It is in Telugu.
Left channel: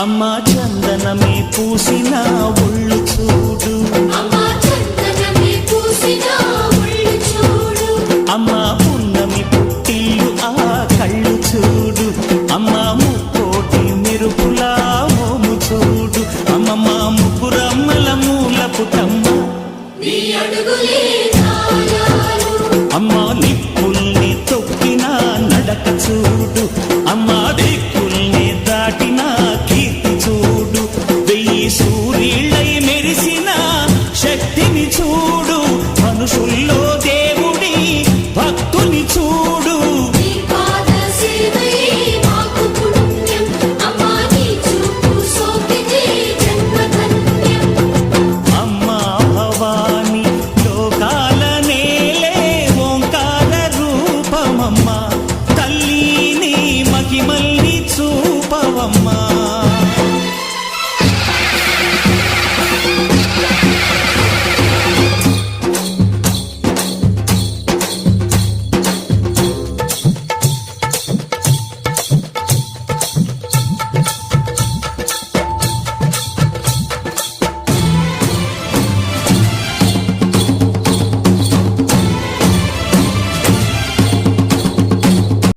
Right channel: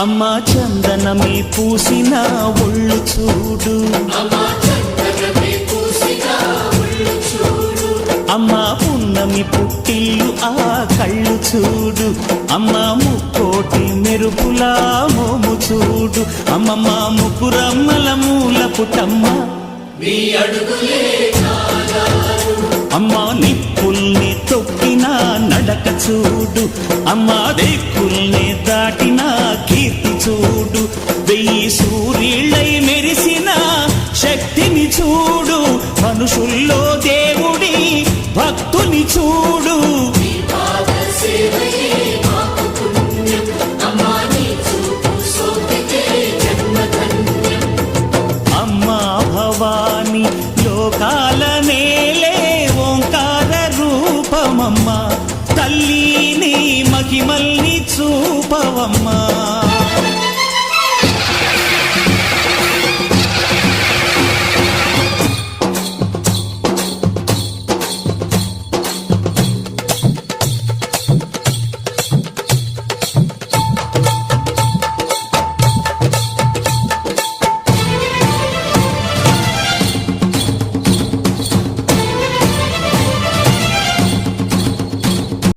అమ్మా చందనమే పూసిన ఒళ్ళు చూడు, అమ్మా పున్నమి పుట్టిల్లు ఆ కళ్ళు చూడు, అమ్మా ముక్కోటి మెరుపులా మోము చూడు, అమ్మమ్మ ముగ్గురమ్మల మూల పుటమ్మ అమ్మా నిప్పుల్ని తొక్కిన నడక చూడు, అమ్మా దిక్కుల్ని దాటిన కీర్తి చూడు, 1000 సూర్యుళ్ళై మెరిసిన శక్తిని చూడు, మనుషుల్లో దేవుడి భక్తుని చూడు. అమ్మా భవాని లోకాల నేలే ఓంకార రూపమమ్మా, తల్లిని మహిమల్ని చూపవమ్మా.